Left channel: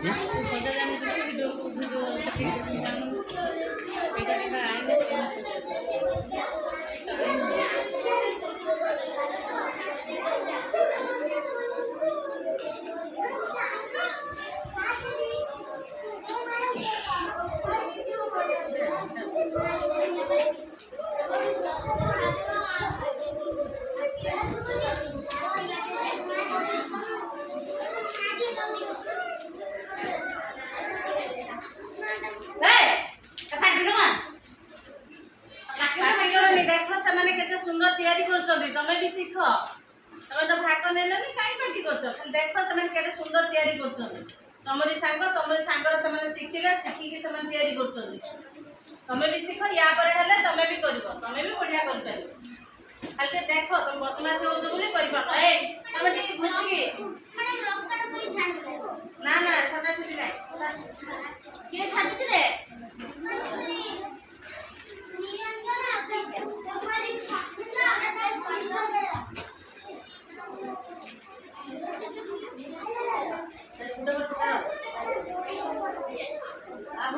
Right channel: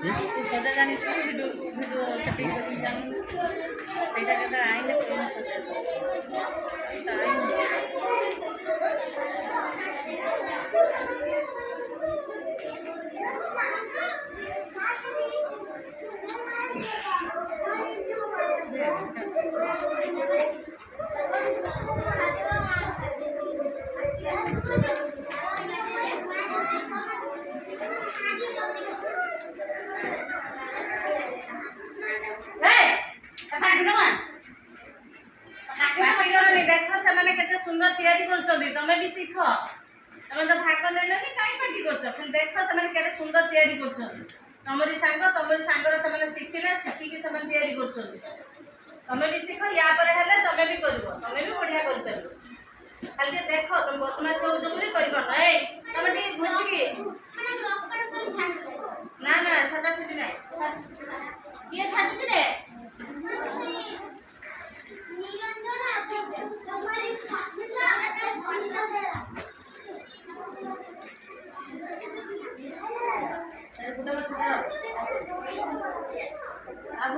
ସଜା ଜାଣିଥିଲେ ଭିଡ଼ିଓ ସେଇଟା ଆଇନ देख से केते सुंदर तैयारी करछोबी तमे भी सीख तमे तो भाग नेलनी काई पार्टी करछो खाली देख से केते सुंदर तैयारी करछोबी तमरी सांगर से शिखिले शिखिकी से तैयारी करछोबी तमे भी सीख या पर हेले तमे भी करबो तमे भी बढ़िया कर परबो खाली देखो तुम बदमाशी हो जो बोली कर पाबो ए तमे ठीक घुटकी ना ना छोटा छोटी नहीं ये छाती रे